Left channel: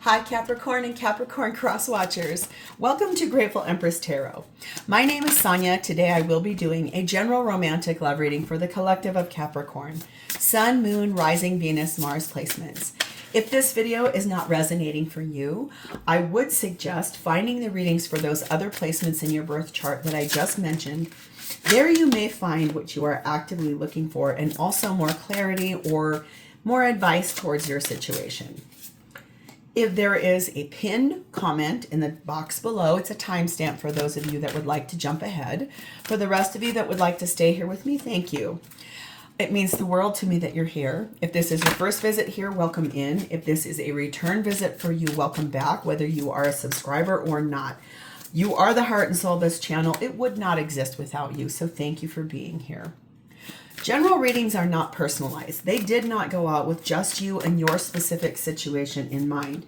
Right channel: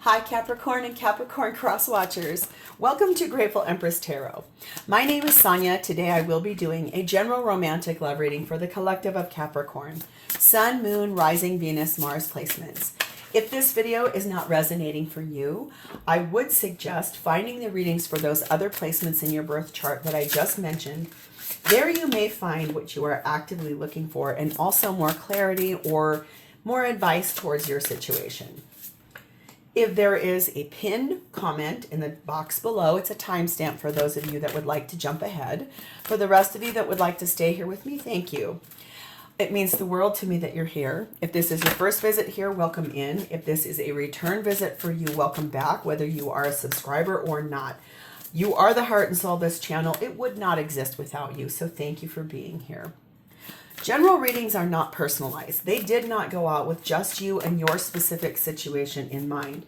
Hi Capricorn and Capricorn cross watchers. Welcome to Grateful Empress Tarot. My name is Sonia. Today I will be doing a general romantic love reading for the collective of Capricorn. Sun, Moon, Rising, Venus, Mars placements. If this video is not resonating for you, I would suggest finding the readings for those other placements in your birth chart that I just mentioned. There you may find what you are actively looking for and also more clarity or more advice towards your situation. If there is a pinned comment in the box below, it's a timestamp for those of you that would like to jump ahead. For the rest of you that would like to stay here with me, thank you. It means the world to me that you're here. If this is your first visit here, welcome in. If this is a return visit for you, welcome back, whether you are a subscriber or not. You are the heart and soul of this channel. It would not exist without you, so thank you for being here. General readings are not personalized. They did not go out with just you and your specific situation in mind.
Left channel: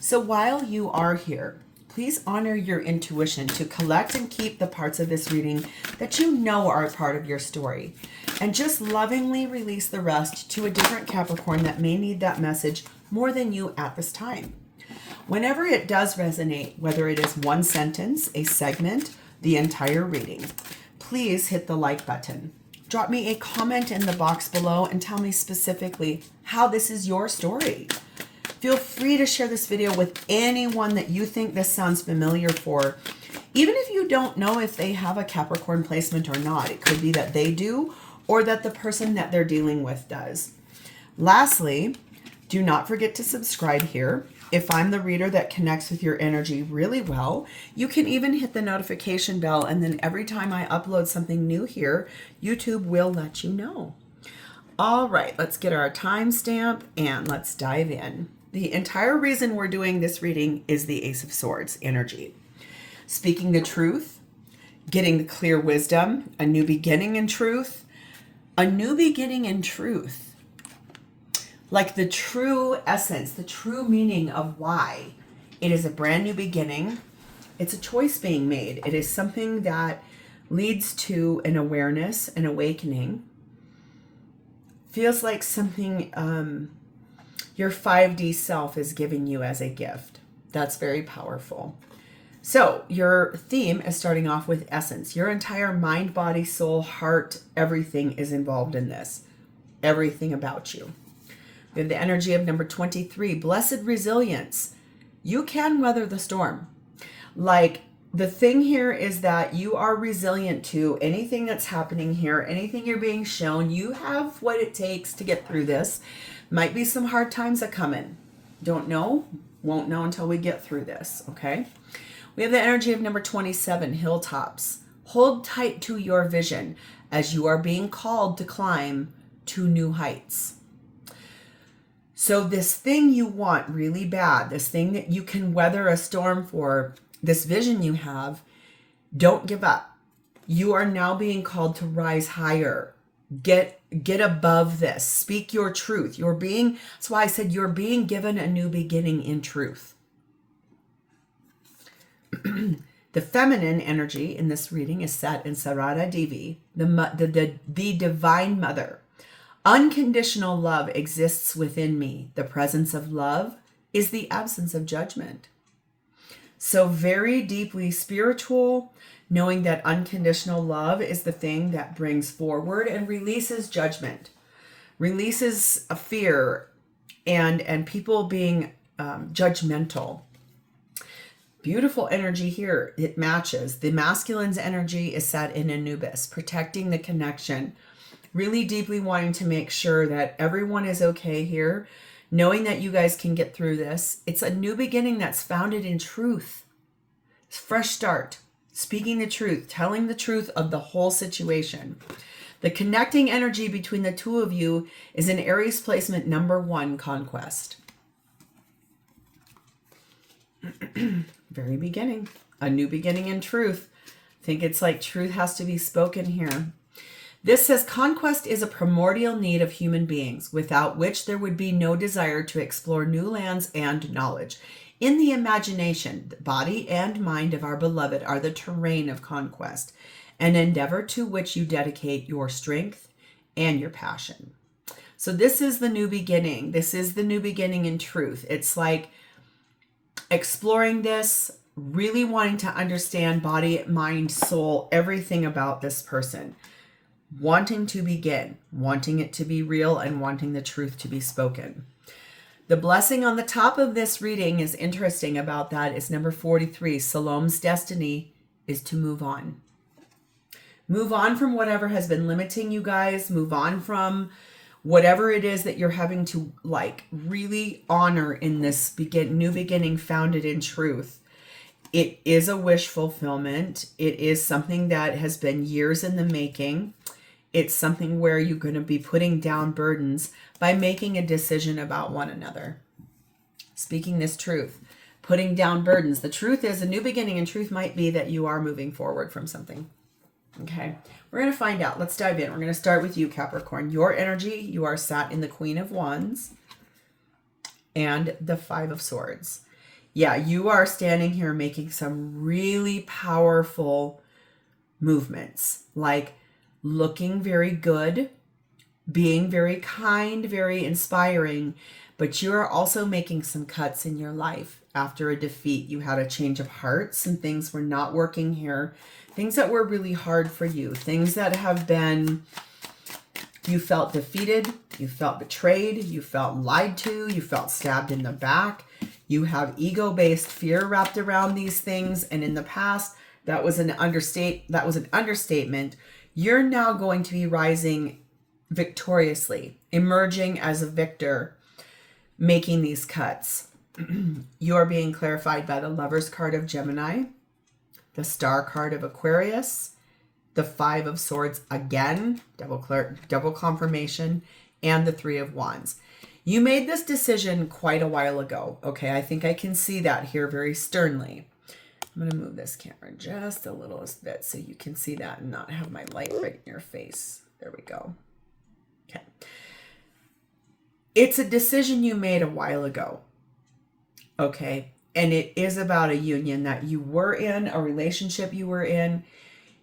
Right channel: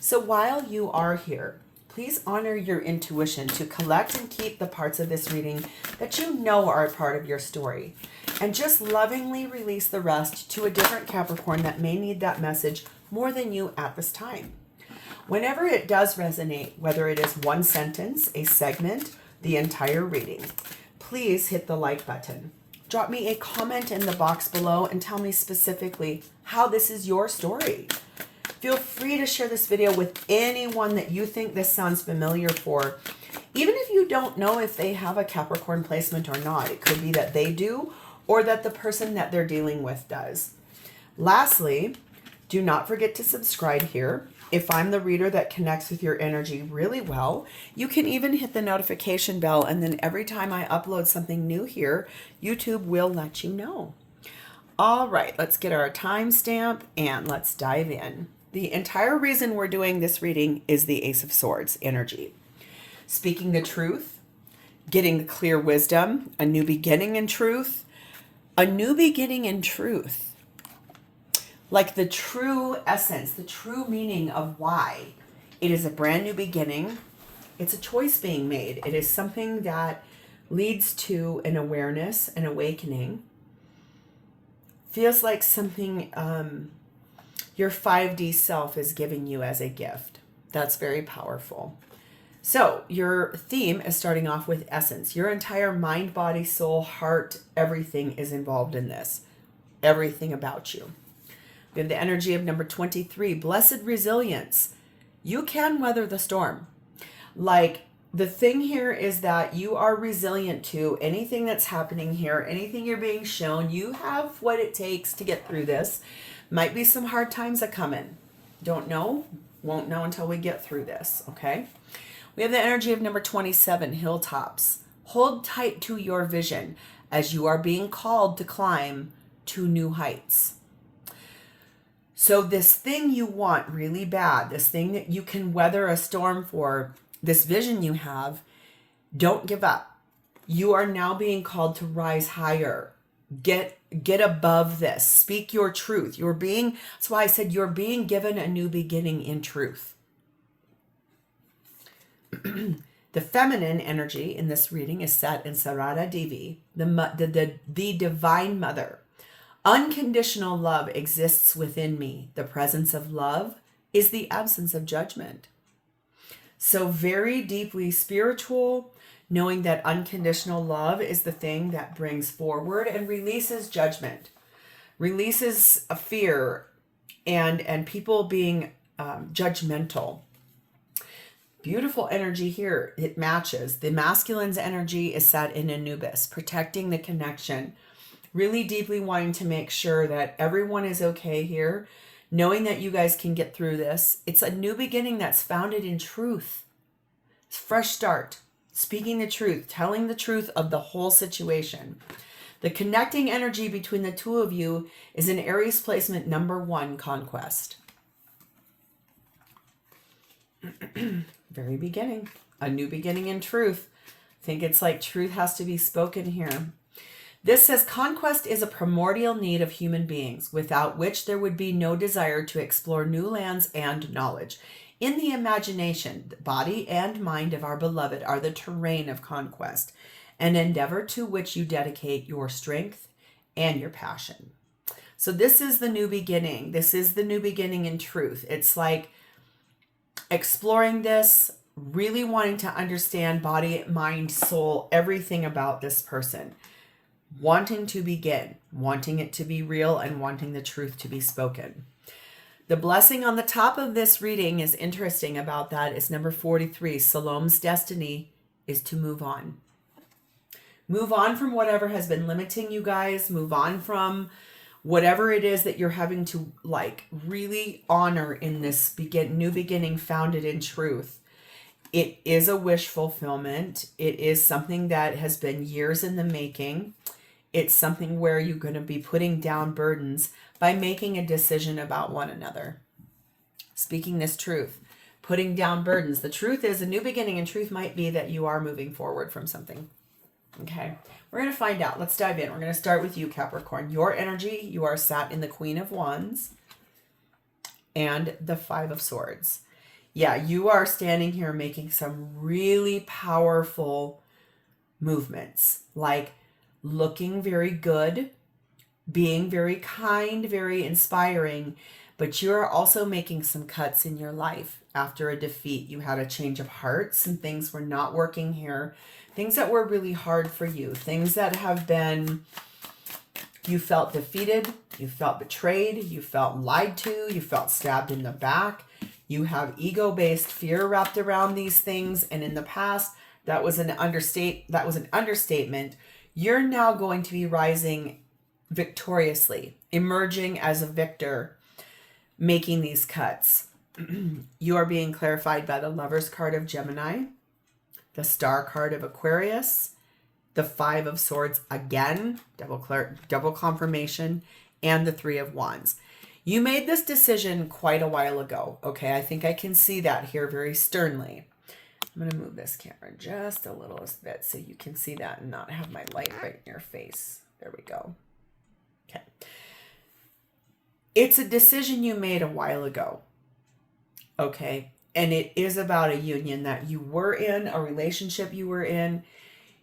So while you are here, please honor your intuition to collect and keep the parts of this reading that you know are a part of your story. And just lovingly release the rest to a different Capricorn that may need that message more than you at this time. Whenever it does resonate, whether it is one sentence, a segment, the entire reading, please hit the like button. Drop me a comment in the box below and tell me specifically how this is your story. Feel free to share this video with anyone that you think this sounds familiar for. Even if you don't know if they have a Capricorn placement or not, it could be that they do or that the person that they're dealing with does. Lastly, do not forget to subscribe here. If I'm the reader that connects with your energy really well, you can even hit the notification bell, and then every time I upload something new here, YouTube will let you know. All right, let's get our timestamp and let's dive in. The entire reason we're doing this reading is the Ace of Swords energy. Speaking the truth, getting the clear wisdom, a new beginning in truth, a new beginning in truth. Like the true essence, the true meaning of why it is a brand new beginning. It's a choice being made. It is something that leads to an awareness, an awakening. Feels like something your 5D self is giving you as a gift. That's very powerful. So your theme is starting off with essence. Your entire mind, body, soul, heart, everything is involved in this. Everything about you. We have the energy of number 23, blessed resilience. You can weather the storm. Like the thing here is that you are resilient to anything that's happening here, anything you're being shown. You have what it takes to get through this. Might be some hard times that come in. Don't know, won't know until we get through this, okay? We have the energy of number 27, hilltops. Hold tight to your vision as you are being called to climb to new heights. So this thing you want really bad, this thing that you can weather a storm for, this vision you have, don't give up. You are now being called to rise higher. Get above this. Speak your truth. That's why I said you're being given a new beginning in truth. The feminine energy in this reading is set in Sarada Devi, the divine mother. Unconditional love exists within me. The presence of love is the absence of judgment. So very deeply spiritual, knowing that unconditional love is the thing that brings forward and releases judgment, releases a fear and people being judgmental. Beautiful energy here. It matches. The masculine's energy is set in Anubis, protecting the connection. Really deeply wanting to make sure that everyone is okay here, knowing that you guys can get through this. It's a new beginning that's founded in truth. Fresh start, speaking the truth, telling the truth of the whole situation. The connecting energy between the two of you is in Aries placement number 1, conquest. Very beginning, a new beginning in truth. I think it's like truth has to be spoken here. This says conquest is a primordial need of human beings, without which there would be no desire to explore new lands and knowledge. In the imagination, the body and mind of our beloved are the terrain of conquest, an endeavor to which you dedicate your strength and your passion. So this is the new beginning. This is the new beginning in truth. It's like exploring this, really wanting to understand body, mind, soul, everything about this person. Wanting to begin, wanting it to be real, and wanting the truth to be spoken. The blessing on the top of this reading is interesting about that is number 43. Salome's destiny is to move on. Move on from whatever has been limiting you guys. Move on from whatever it is that you're having to like really honor in this new beginning founded in truth. It is a wish fulfillment. It is something that has been years in the making. It's something where you're going to be putting down burdens by making a decision about one another. Speaking this truth, putting down burdens. The truth is a new beginning, and truth might be that you are moving forward from something. Okay, we're going to find out. Let's dive in. We're going to start with you, Capricorn. Your energy, you are sat in the Queen of Wands and the Five of Swords. Yeah, you are standing here making some really powerful movements, like looking very good, being very kind, very inspiring, but you are also making some cuts in your life. After a defeat, you had a change of heart. Some things were not working here. Things that were really hard for you. Things that have been, you felt defeated, you felt betrayed, you felt lied to, you felt stabbed in the back. You have ego-based fear wrapped around these things. And in the past, that was an understatement. You're now going to be rising victoriously, emerging as a victor, making these cuts. You are being clarified by the Lover's card of Gemini, the Star card of Aquarius, the Five of Swords again, double confirmation, and the Three of Wands. You made this decision quite a while ago. Okay, I think I can see that here very sternly. I'm going to move this camera just a little bit so you can see that and not have my light right in your face. There we go. Okay. It's a decision you made a while ago. Okay. And it is about a union that you were in, a relationship you were in.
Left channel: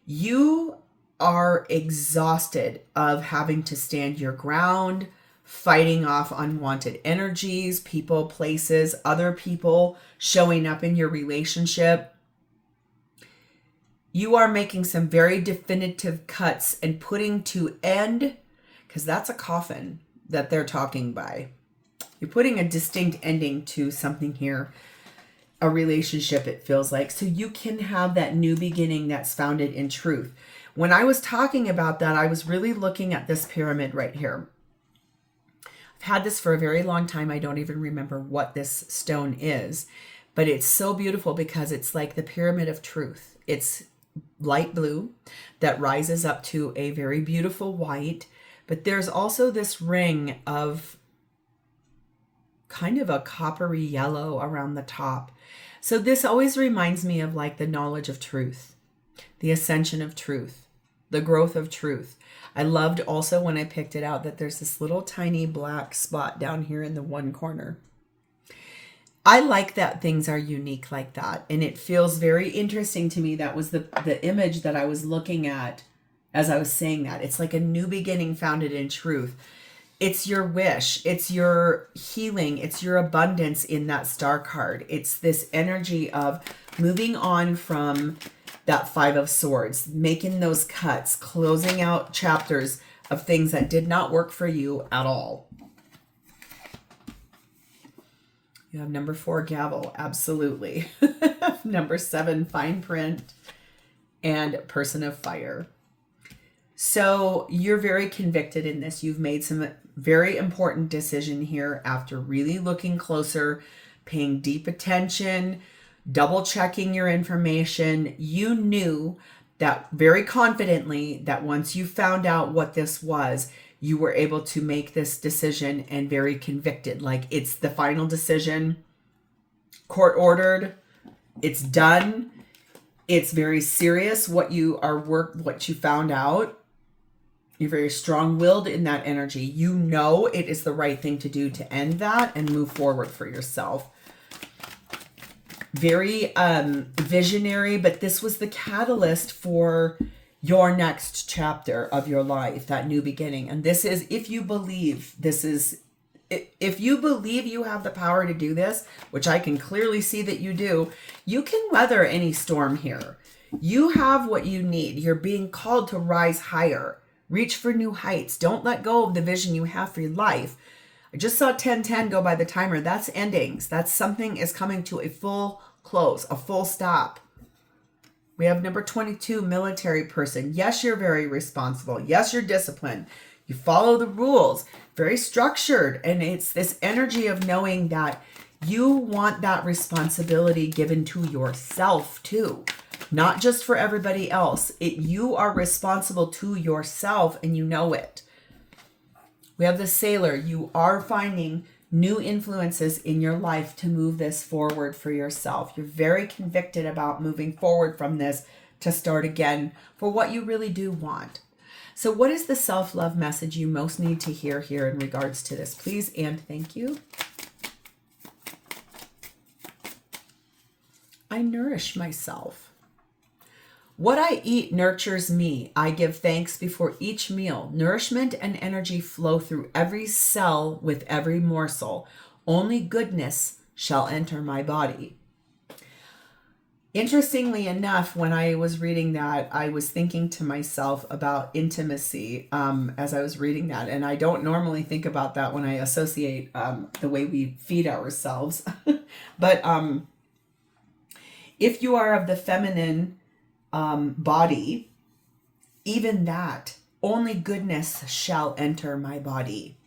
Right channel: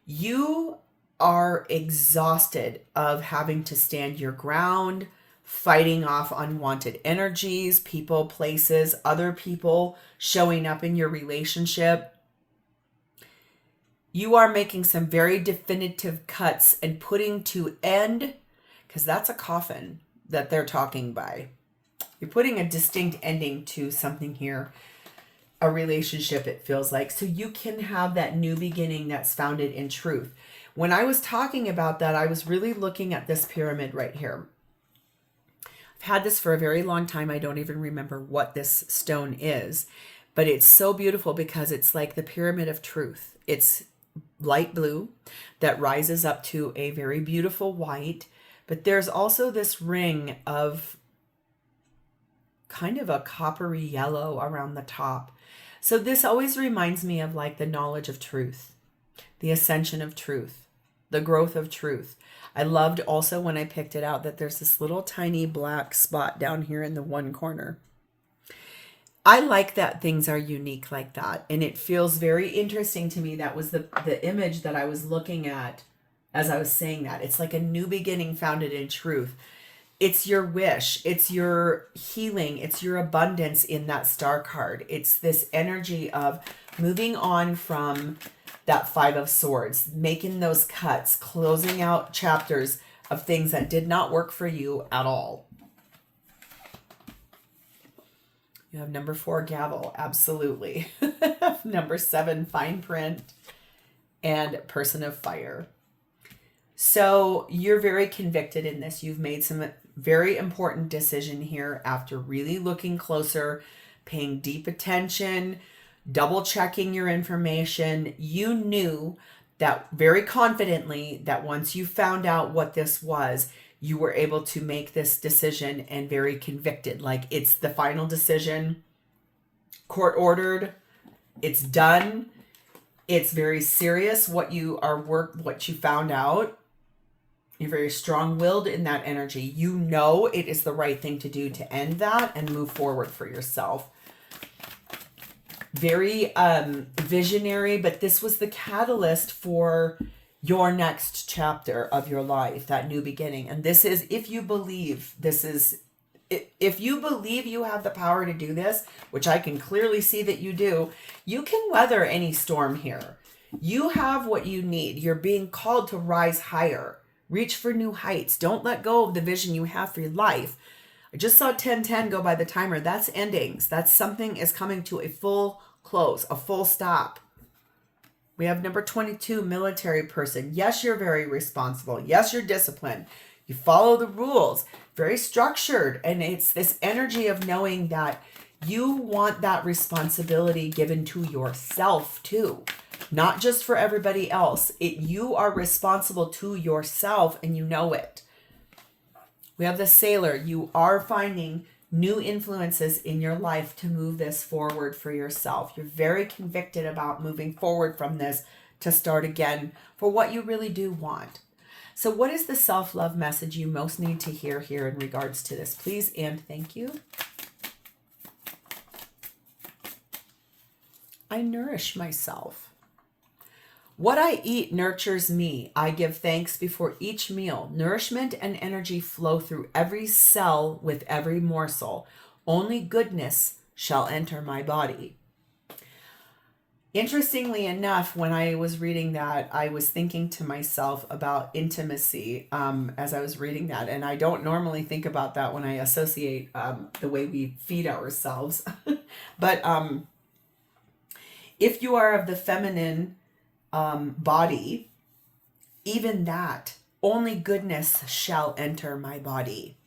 You are exhausted of having to stand your ground, fighting off unwanted energies, people, places, other people showing up in your relationship. You are making some very definitive cuts and putting to end, because that's a coffin that they're talking by. You're putting a distinct ending to something here, a relationship, it feels like, so you can have that new beginning that's founded in truth. When I was talking about that, I was really looking at this pyramid right here. I've had this for a very long time. I don't even remember what this stone is, but it's so beautiful because it's like the pyramid of truth. It's light blue that rises up to a very beautiful white, but there's also this ring of kind of a coppery yellow around the top. So this always reminds me of like the knowledge of truth, the ascension of truth, the growth of truth. I loved also when I picked it out that there's this little tiny black spot down here in the one corner. I like that things are unique like that. And it feels very interesting to me. That was the image that I was looking at as I was saying that. It's like a new beginning founded in truth. It's your wish. It's your healing. It's your abundance in that Star card. It's this energy of moving on from that Five of Swords, making those cuts, closing out chapters of things that did not work for you at all. You have number 4, gavel. Absolutely. Number 7, fine print. And person of fire. So you're very convicted in this. You've made some very important decision here after really looking closer, paying deep attention, double checking your information. You knew that very confidently that once you found out what this was, you were able to make this decision and very convicted. Like it's the final decision, court ordered, it's done. It's very serious what you found out. You're very strong-willed in that energy. You know it is the right thing to do to end that and move forward for yourself. Very visionary, but this was the catalyst for your next chapter of your life, that new beginning. And this is, if you believe this is if you believe you have the power to do this, which I can clearly see that you do, you can weather any storm here. You have what you need. You're being called to rise higher. Reach for new heights. Don't let go of the vision you have for your life. I just saw 10:10 go by the timer. That's endings. That's something is coming to a full close, a full stop. We have number 22, military person. Yes, you're very responsible. Yes, you're disciplined. You follow the rules, very structured. And it's this energy of knowing that you want that responsibility given to yourself too. Not just for everybody else. You are responsible to yourself and you know it. We have the sailor. You are finding new influences in your life to move this forward for yourself. You're very convicted about moving forward from this to start again for what you really do want. So what is the self-love message you most need to hear here in regards to this? Please and thank you. I nourish myself. What I eat nurtures me. I give thanks before each meal. Nourishment and energy flow through every cell with every morsel. Only goodness shall enter my body. Interestingly enough, when I was reading that, I was thinking to myself about intimacy as I was reading that. And I don't normally think about that when I associate the way we feed ourselves. But if you are of the feminine body, even that, only goodness shall enter my body.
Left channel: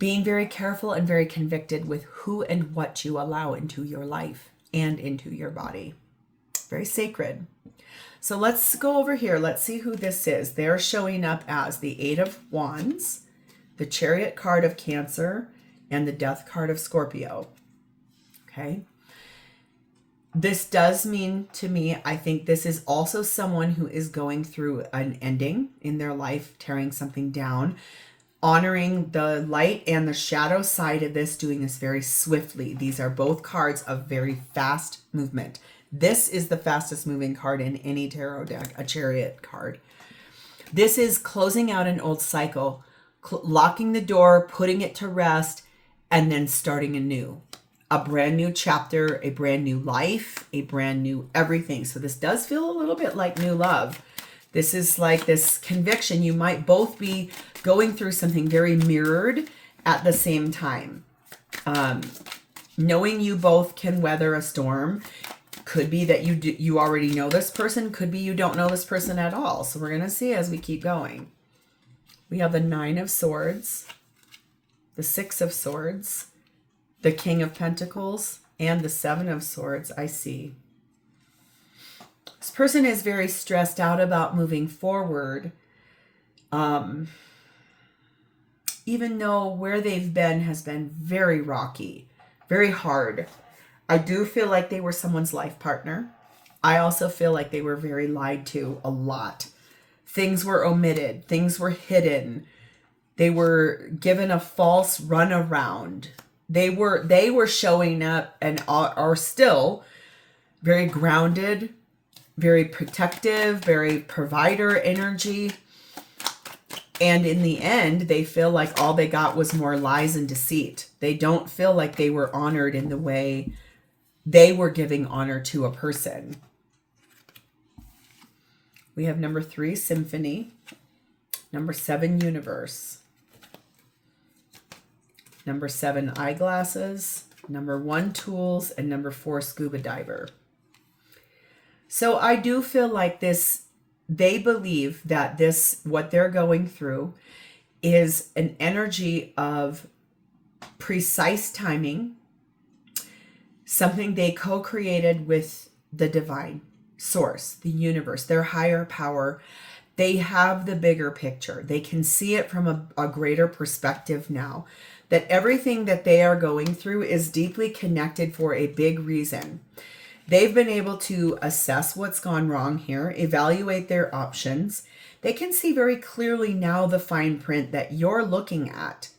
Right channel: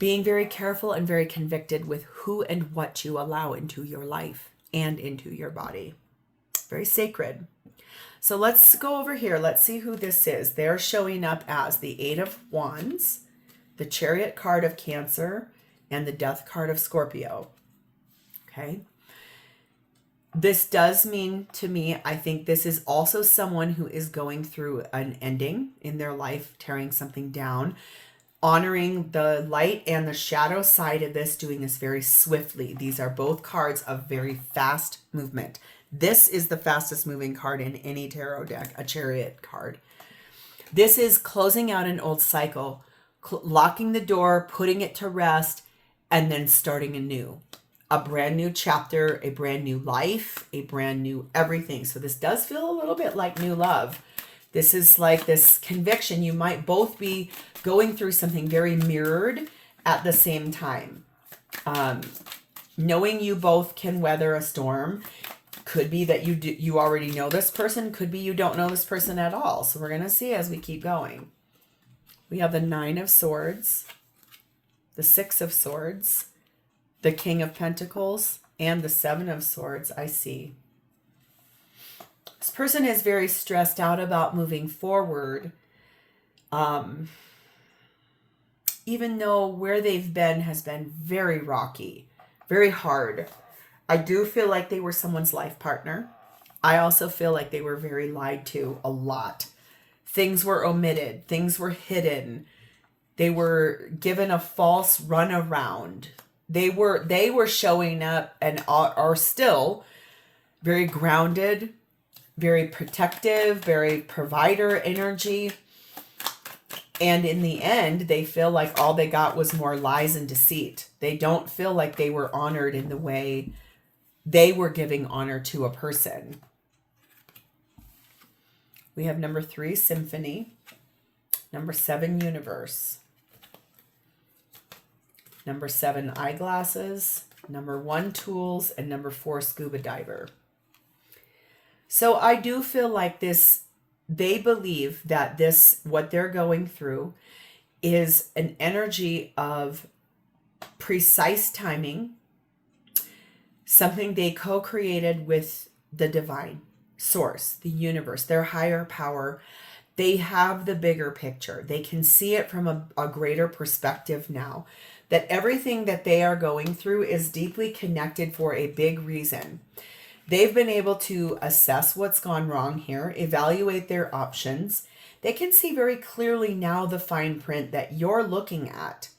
Being very careful and very convicted with who and what you allow into your life and into your body. Very sacred. So let's go over here. Let's see who this is. They're showing up as the Eight of Wands, the Chariot card of Cancer, and the Death card of Scorpio. Okay. This does mean to me, I think this is also someone who is going through an ending in their life, tearing something down, honoring the light and the shadow side of this, doing this very swiftly. These are both cards of very fast movement. This is the fastest moving card in any tarot deck, a Chariot card. This is closing out an old cycle, locking the door, putting it to rest, and then starting anew. A brand new chapter, a brand new life, a brand new everything. So this does feel a little bit like new love. This is like this conviction. You might both be going through something very mirrored at the same time. Knowing you both can weather a storm. Could be that you already know this person. Could be you don't know this person at all. So we're going to see as we keep going. We have the Nine of Swords, the Six of Swords, the King of Pentacles, and the Seven of Swords, I see. This person is very stressed out about moving forward. Even though where they've been has been very rocky, very hard. I do feel like they were someone's life partner. I also feel like they were very lied to a lot. Things were omitted. Things were hidden. They were given a false runaround. They were showing up and are still very grounded, very protective, very provider energy. And in the end, they feel like all they got was more lies and deceit. They don't feel like they were honored in the way they were giving honor to a person. We have number 3, Symphony. Number 7, Universe. Number 7, Eyeglasses. Number 1, Tools. And number 4, Scuba Diver. So I do feel like this, they believe that this, what they're going through is an energy of precise timing, something they co-created with the divine source, the universe, their higher power. They have the bigger picture. They can see it from a greater perspective now. That everything that they are going through is deeply connected for a big reason. They've been able to assess what's gone wrong here, evaluate their options. They can see very clearly now the fine print that you're looking at.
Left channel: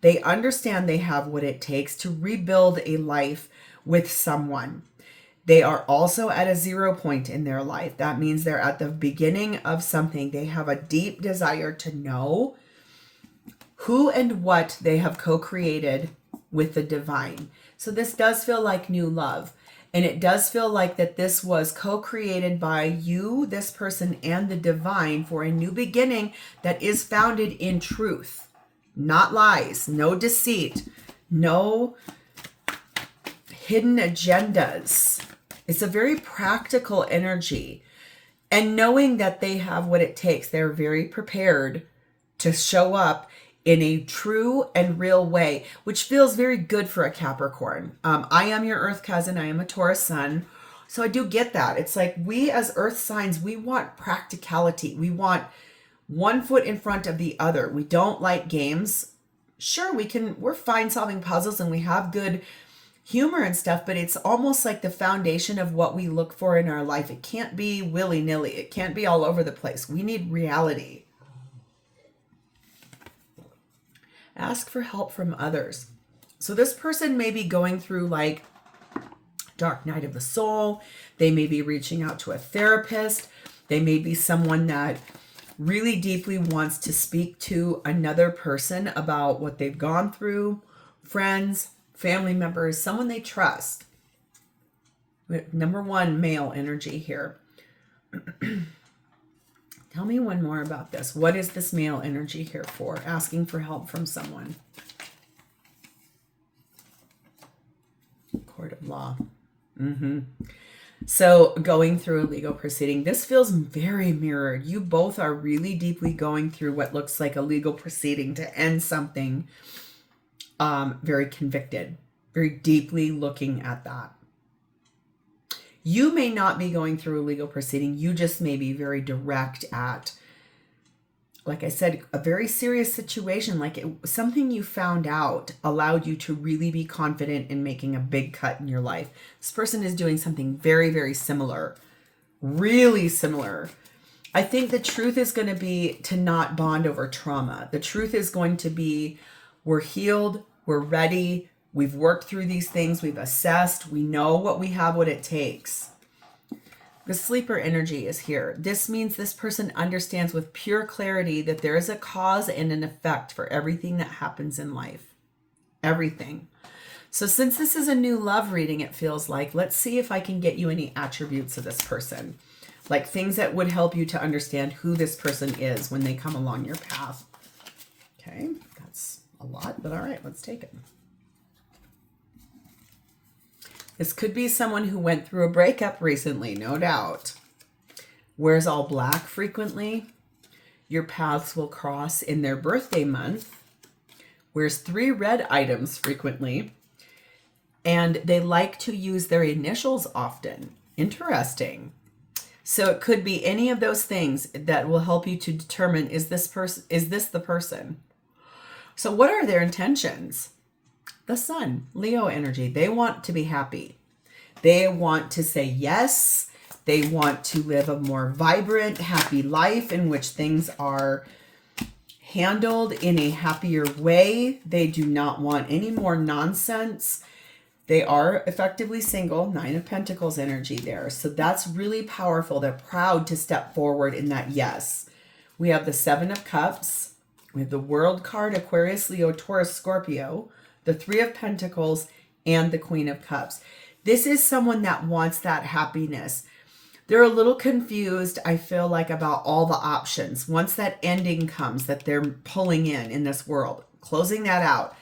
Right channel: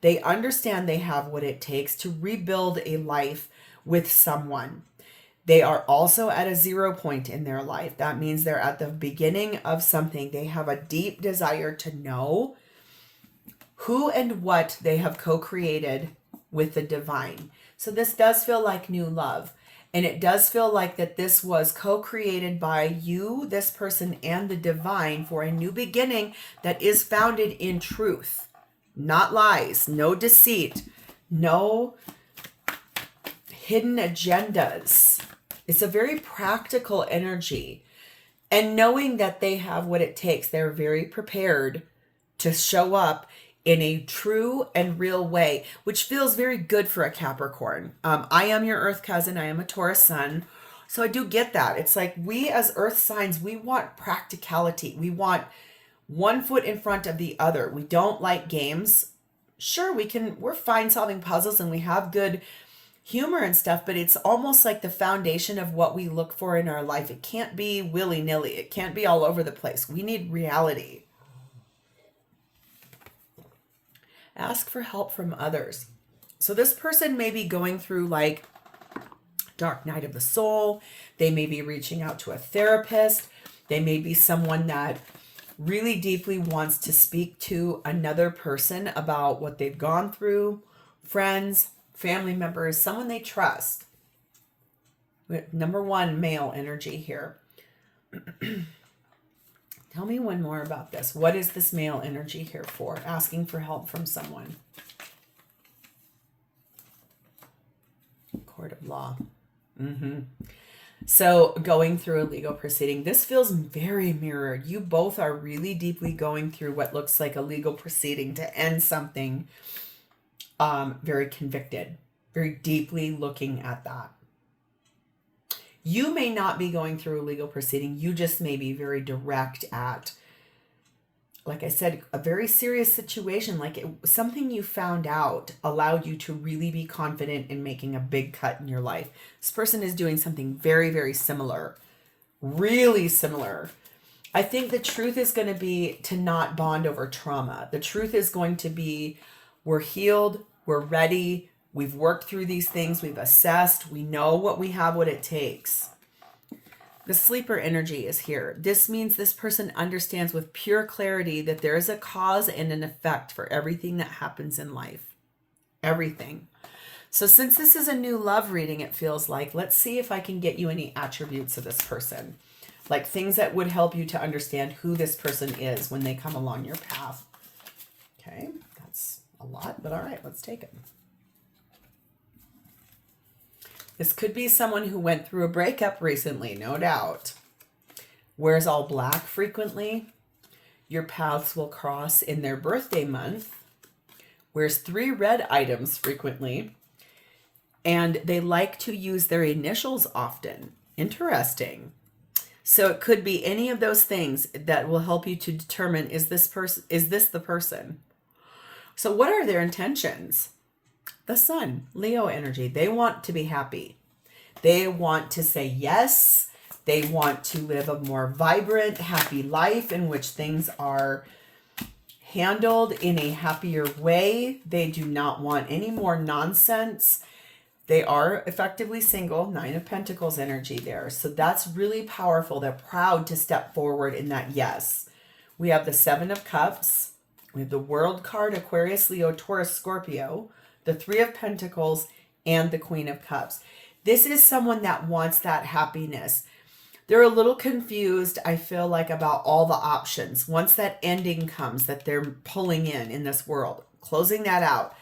They understand they have what it takes to rebuild a life with someone. They are also at a 0 point in their life. That means they're at the beginning of something. They have a deep desire to know who and what they have co-created with the divine. So this does feel like new love. And it does feel like that this was co-created by you, this person, and the divine for a new beginning that is founded in truth, not lies, no deceit, no hidden agendas. It's a very practical energy. And knowing that they have what it takes, they're very prepared to show up in a true and real way, which feels very good for a Capricorn. I am your Earth cousin. I am a Taurus sun. So I do get that. It's like we as Earth signs, we want practicality. We want one foot in front of the other. We don't like games. Sure, we're fine solving puzzles and we have good humor and stuff, but it's almost like the foundation of what we look for in our life. It can't be willy-nilly. It can't be all over the place. We need reality. Ask for help from others. So this person may be going through like dark night of the soul. They may be reaching out to a therapist. They may be someone that really deeply wants to speak to another person about what they've gone through. Friends, family members, someone they trust. Number one, male energy here. Tell me one more about this. What is this male energy here for? Asking for help from someone. Court of law. So going through a legal proceeding. This feels very mirrored. You both are really deeply going through what looks like a legal proceeding to end something. Very convicted. Very deeply looking at that. You may not be going through a legal proceeding. You just may be very direct at, like I said, a very serious situation. Like something you found out allowed you to really be confident in making a big cut in your life. This person is doing something very, very similar. Really similar. I think the truth is going to be to not bond over trauma. The truth is going to be we're healed. We're ready. We've worked through these things. We've assessed. We know what we have, what it takes. The sleeper energy is here. This means this person understands with pure clarity that there is a cause and an effect for everything that happens in life. Everything. So since this is a new love reading, it feels like, let's see if I can get you any attributes of this person. Like things that would help you to understand who this person is when they come along your path. Okay, that's a lot, but all right, let's take it. This could be someone who went through a breakup recently, no doubt. Wears all black frequently. Your paths will cross in their birthday month. Wears 3 red items frequently. And they like to use their initials often. Interesting. So it could be any of those things that will help you to determine, is this the person? So what are their intentions? The sun, Leo energy. They want to be happy. They want to say yes. They want to live a more vibrant, happy life in which things are handled in a happier way. They do not want any more nonsense. They are effectively single, 9 of Pentacles energy there. So that's really powerful. They're proud to step forward in that yes. We have the 7 of Cups. We have the World card, Aquarius, Leo, Taurus, Scorpio. The 3 of Pentacles, and the Queen of Cups. This is someone that wants that happiness. They're a little confused, I feel like, about all the options. Once that ending comes that they're pulling in this world, closing that out,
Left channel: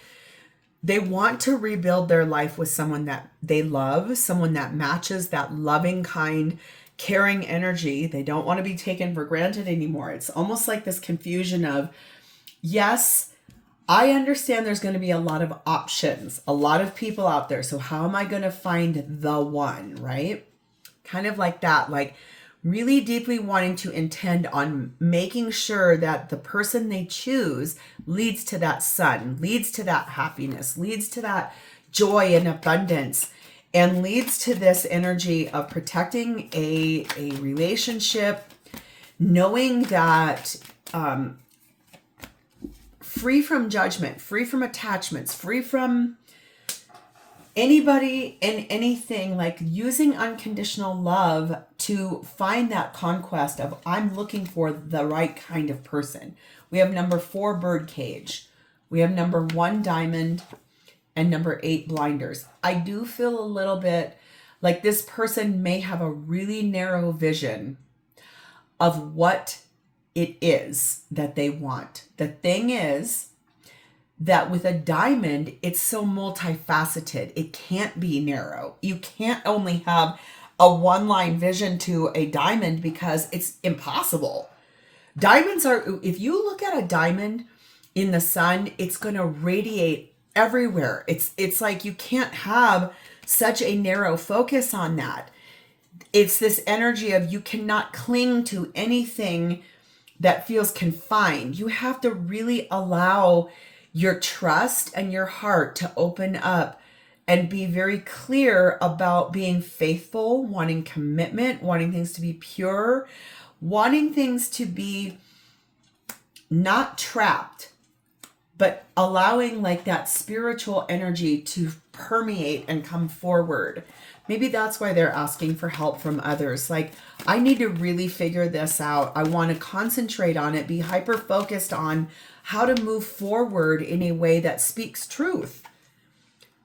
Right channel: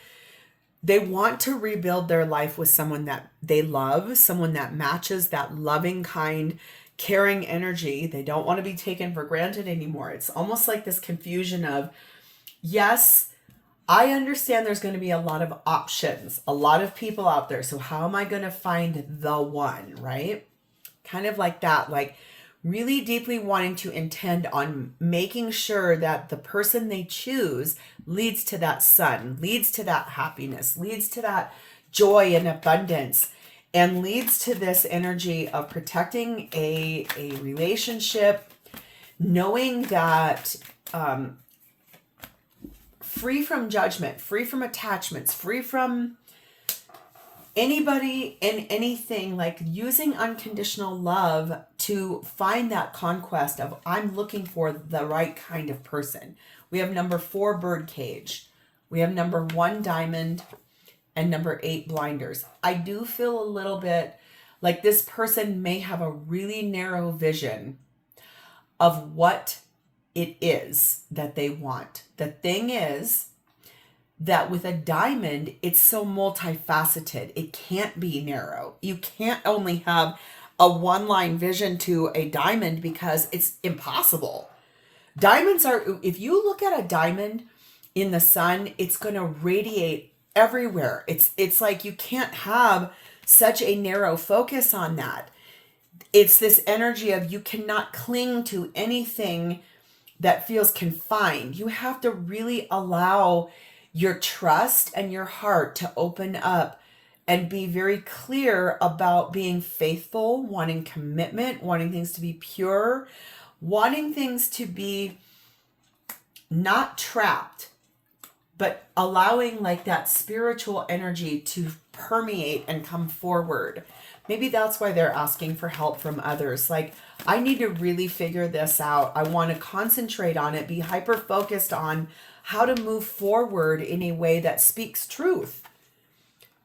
they want to rebuild their life with someone that they love, someone that matches that loving, kind, caring energy. They don't want to be taken for granted anymore. It's almost like this confusion of, yes, I understand there's going to be a lot of options, a lot of people out there. So how am I going to find the one, right? Kind of like that, like really deeply wanting to intend on making sure that the person they choose leads to that sun, leads to that happiness, leads to that joy and abundance, and leads to this energy of protecting a relationship, knowing that, free from judgment, free from attachments, free from anybody and anything, like using unconditional love to find that conquest of I'm looking for the right kind of person. We have number 4, birdcage. We have number 1 diamond and number 8 blinders. I do feel a little bit like this person may have a really narrow vision of what it is that they want. The thing is that with a diamond, it's so multifaceted. It can't be narrow. You can't only have a one-line vision to a diamond because it's impossible. Diamonds are, if you look at a diamond in the sun, it's going to radiate everywhere. It's like you can't have such a narrow focus on that. It's this energy of you cannot cling to anything that feels confined. You have to really allow your trust and your heart to open up and be very clear about being faithful, wanting commitment, wanting things to be pure, wanting things to be not trapped, but allowing like that spiritual energy to permeate and come forward. Maybe that's why they're asking for help from others. Like, I need to really figure this out. I want to concentrate on it, be hyper focused on how to move forward in a way that speaks truth.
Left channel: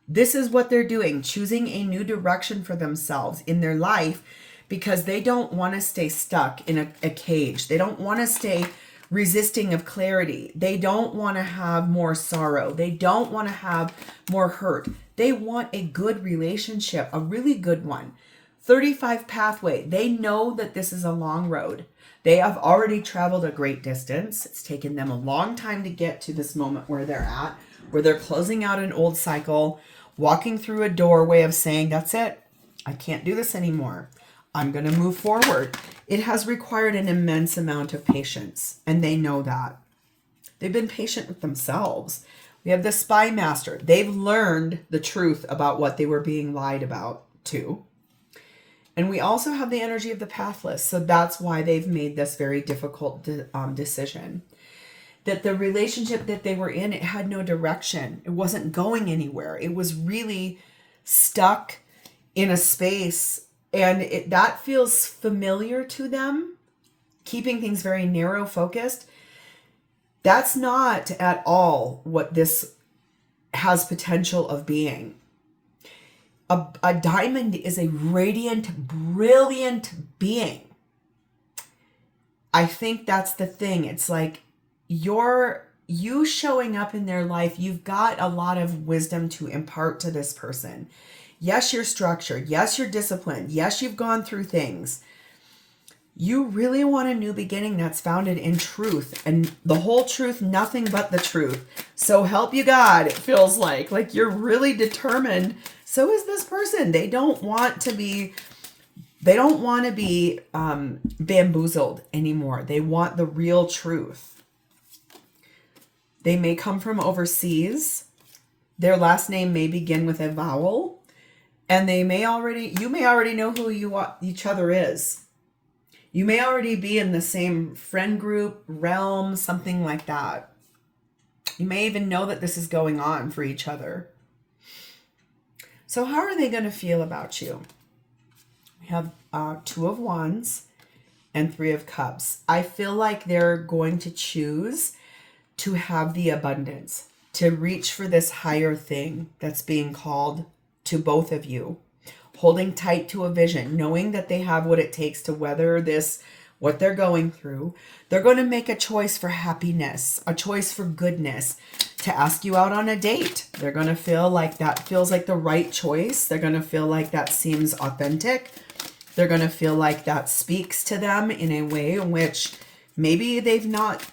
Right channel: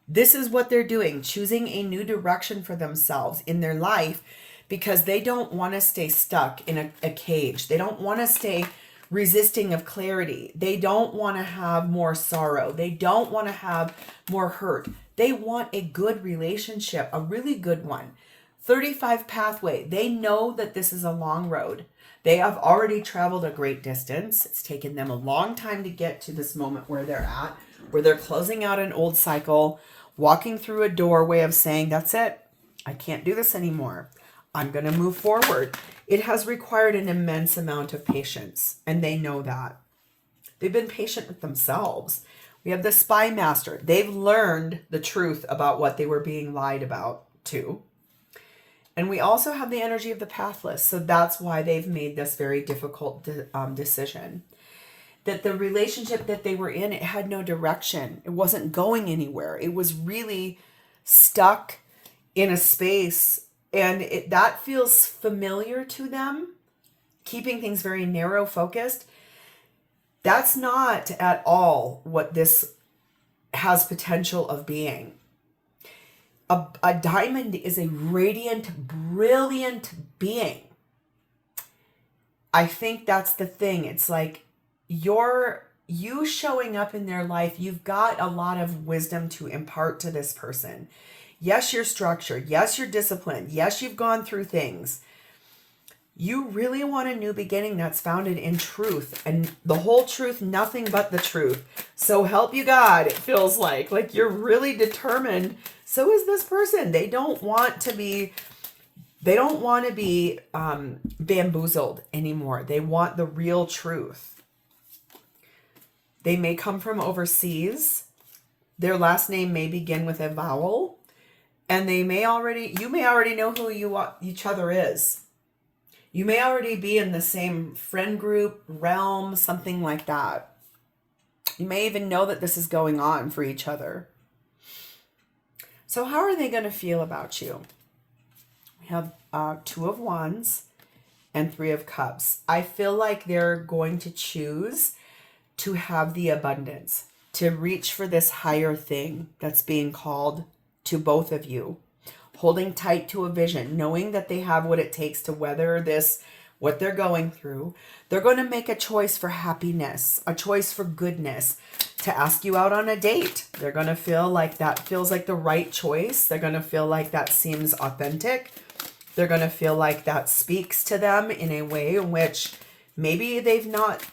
This is what they're doing, choosing a new direction for themselves in their life because they don't want to stay stuck in a cage. They don't want to stay resisting of clarity. They don't want to have more sorrow. They don't want to have more hurt. They want a good relationship, a really good one. 35 pathway. They know that this is a long road. They have already traveled a great distance. It's taken them a long time to get to this moment where they're at, where they're closing out an old cycle, walking through a doorway of saying, that's it. I can't do this anymore. I'm going to move forward. It has required an immense amount of patience, and they know that. They've been patient with themselves. We have the spy master. They've learned the truth about what they were being lied about too. And we also have the energy of the pathless. So that's why they've made this very difficult decision. That the relationship that they were in, it had no direction. It wasn't going anywhere. It was really stuck in a space. And that feels familiar to them, keeping things very narrow focused. That's not at all what this has potential of being. A diamond is a radiant, brilliant being. I think that's the thing. It's like you showing up in their life, you've got a lot of wisdom to impart to this person. Yes, you're structured. Yes, you're disciplined. Yes, you've gone through things. You really want a new beginning that's founded in truth and the whole truth, nothing but the truth. So help you God, it feels like you're really determined. So is this person. They don't want to be bamboozled anymore. They want the real truth. They may come from overseas. Their last name may begin with a vowel. And you may already know who each other is. You may already be in the same friend group, realm, something like that. You may even know that this is going on for each other. So how are they going to feel about you? We have 2 of Wands and 3 of Cups. I feel like they're going to choose to have the abundance, to reach for this higher thing that's being called to both of you. Holding tight to a vision, knowing that they have what it takes to weather this, what they're going through. They're going to make a choice for happiness, a choice for goodness, to ask you out on a date. They're going to feel like that feels like the right choice. They're going to feel like that seems authentic. They're going to feel like that speaks to them in a way in which maybe they've not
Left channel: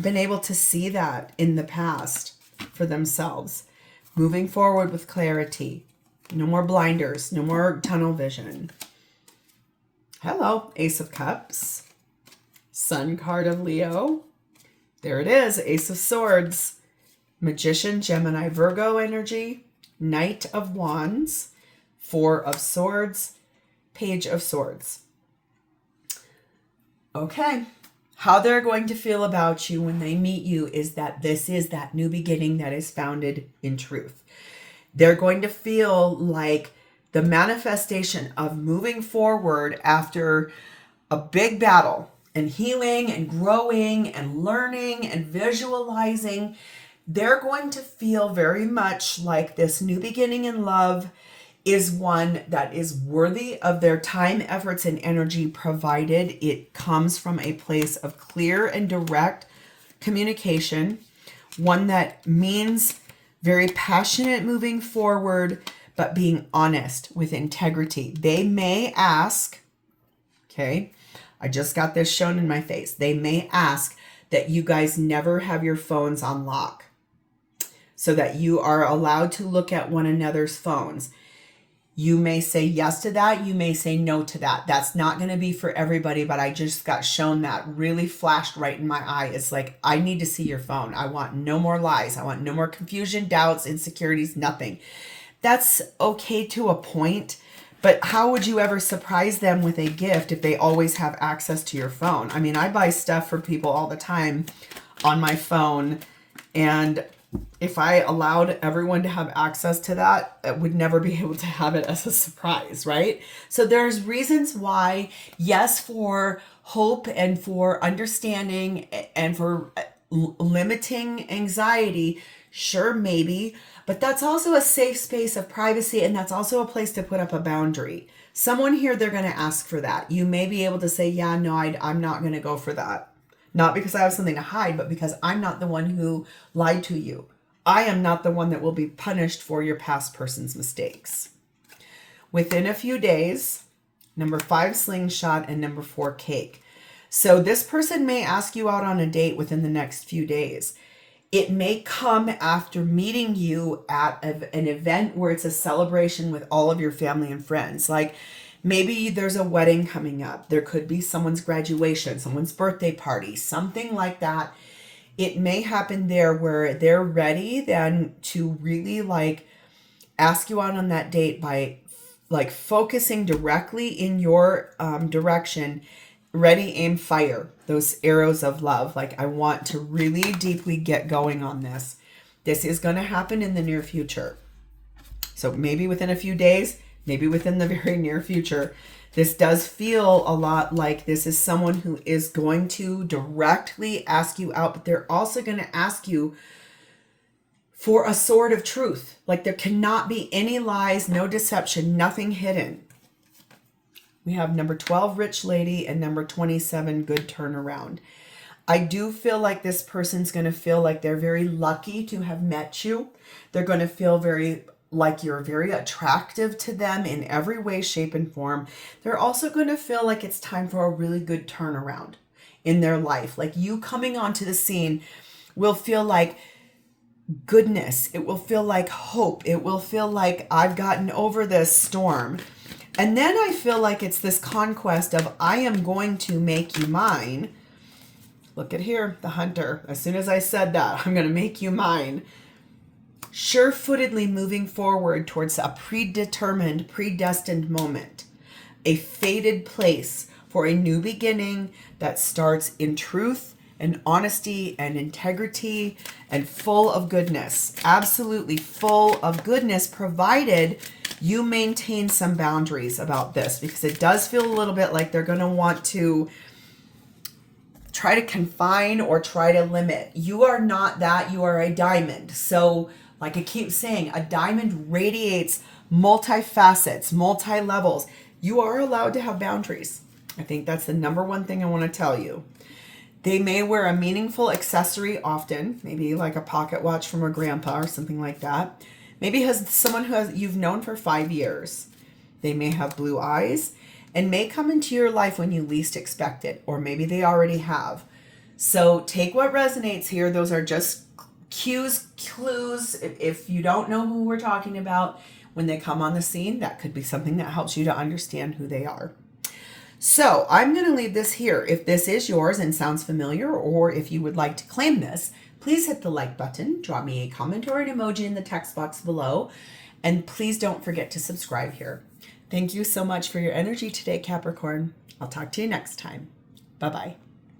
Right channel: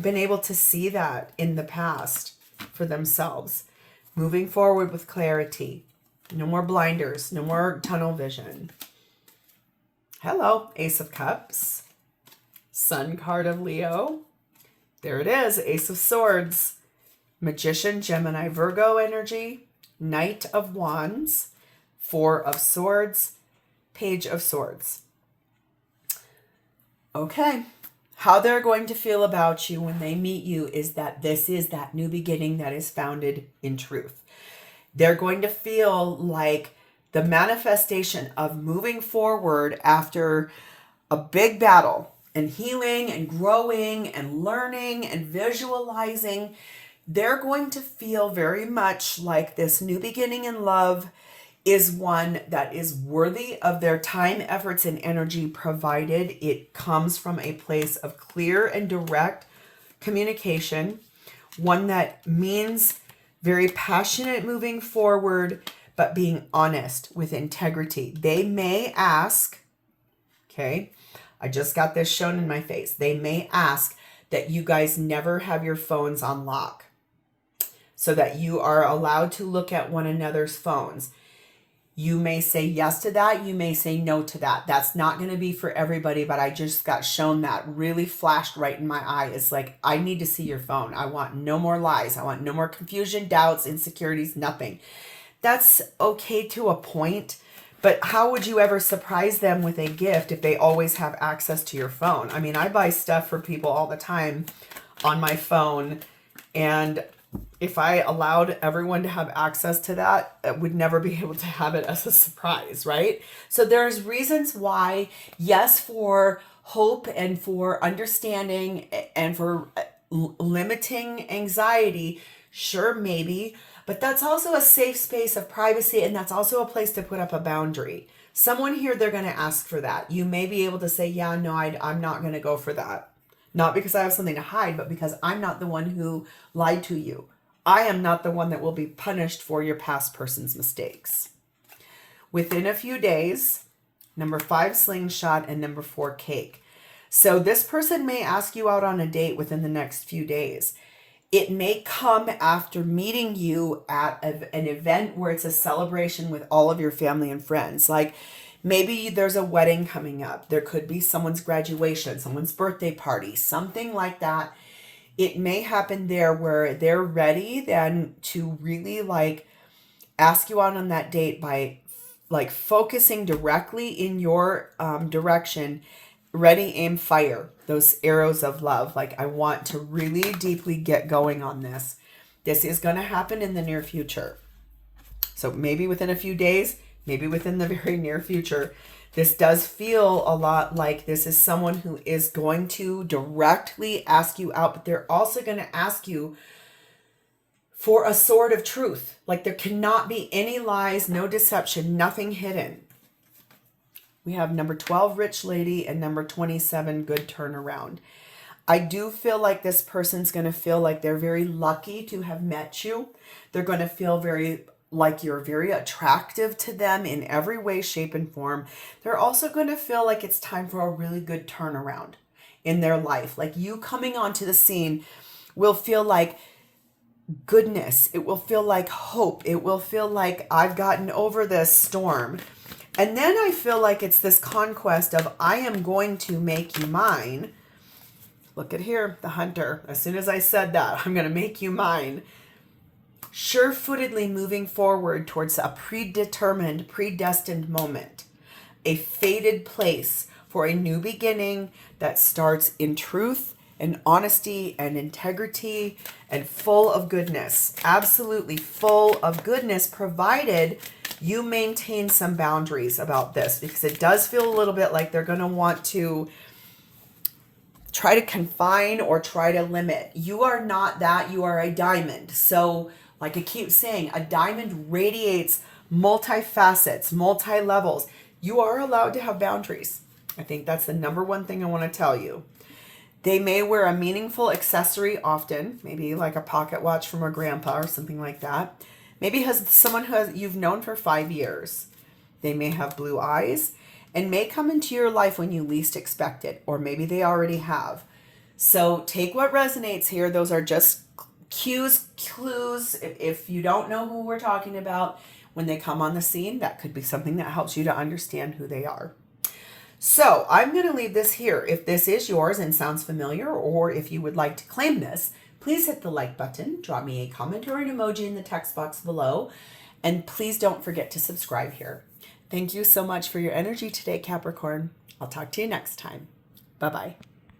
been able to see that in the past for themselves. Moving forward with clarity. No more blinders, no more tunnel vision. Hello, Ace of Cups. Sun card of Leo. There it is, Ace of Swords. Magician, Gemini, Virgo energy. Knight of Wands. 4 of Swords. Page of Swords. Okay. How they're going to feel about you when they meet you is that this is that new beginning that is founded in truth. They're going to feel like the manifestation of moving forward after a big battle and healing and growing and learning and visualizing. they're going to feel very much like this new beginning in love is one that is worthy of their time, efforts, and energy, provided it comes from a place of clear and direct communication, one that means very passionate moving forward, but being honest with integrity. They may ask, okay, I just got this shown in my face. They may ask that you guys never have your phones on lock so that you are allowed to look at one another's phones. You may say yes to that. You may say no to that. That's not going to be for everybody, but I just got shown that really flashed right in my eye. It's like, I need to see your phone. I want no more lies. I want no more confusion, doubts, insecurities, nothing. That's okay to a point, but how would you ever surprise them with a gift if they always have access to your phone? I mean, I buy stuff for people all the time on my phone, and if I allowed everyone to have access to that, I would never be able to have it as a surprise, right? So there's reasons why, yes, for hope and for understanding and for limiting anxiety, sure, maybe, but that's also a safe space of privacy, and that's also a place to put up a boundary. Someone here, they're going to ask for that. You may be able to say, yeah, no, I'm not going to go for that. Not because I have something to hide, but because I'm not the one who lied to you. I am not the one that will be punished for your past person's mistakes. Within a few days, number 5, slingshot, and number 4, cake. So this person may ask you out on a date within the next few days. It may come after meeting you at an event where it's a celebration with all of your family and friends. Like, maybe there's a wedding coming up. There could be someone's graduation, someone's birthday party, something like that. It may happen there where they're ready then to really like ask you out on that date by like focusing directly in your direction. Ready, aim, fire. Those arrows of love. Like, I want to really deeply get going on this. This is going to happen in the near future. So maybe within a few days, maybe within the very near future. This does feel a lot like this is someone who is going to directly ask you out, but they're also going to ask you for a sword of truth. Like, there cannot be any lies, no deception, nothing hidden. We have number 12, rich lady, and number 27, good turnaround. I do feel like this person's going to feel like they're very lucky to have met you. They're going to feel like you're very attractive to them in every way, shape, and form. They're also going to feel like it's time for a really good turnaround in their life. Like, you coming onto the scene will feel like goodness. It will feel like hope. It will feel like I've gotten over this storm. And then I feel like it's this conquest of I am going to make you mine. Look at here, the hunter. As soon as I said that, I'm going to make you mine. Sure-footedly moving forward towards a predetermined, predestined moment. A fated place for a new beginning that starts in truth and honesty and integrity and full of goodness. Absolutely full of goodness, provided you maintain some boundaries about this, because it does feel a little bit like they're going to want to try to confine or try to limit. You are not that. You are a diamond. So, like I keep saying, a diamond radiates multi-facets, multi-levels. You are allowed to have boundaries. I think that's the number one thing I want to tell you. They may wear a meaningful accessory often, maybe like a pocket watch from a grandpa or something like that. Maybe has someone who you've known for 5 years. They may have blue eyes and may come into your life when you least expect it, or maybe they already have. So take what resonates here. Those are just cues, clues. If you don't know who we're talking about, when they come on the scene, that could be something that helps you to understand who they are. So I'm going to leave this here. If this is yours and sounds familiar, or if you would like to claim this, please hit the like button, drop me a comment or an emoji in the text box below, and please don't forget to subscribe here. Thank you so much for your energy today, Capricorn. I'll talk to you next time. Bye-bye.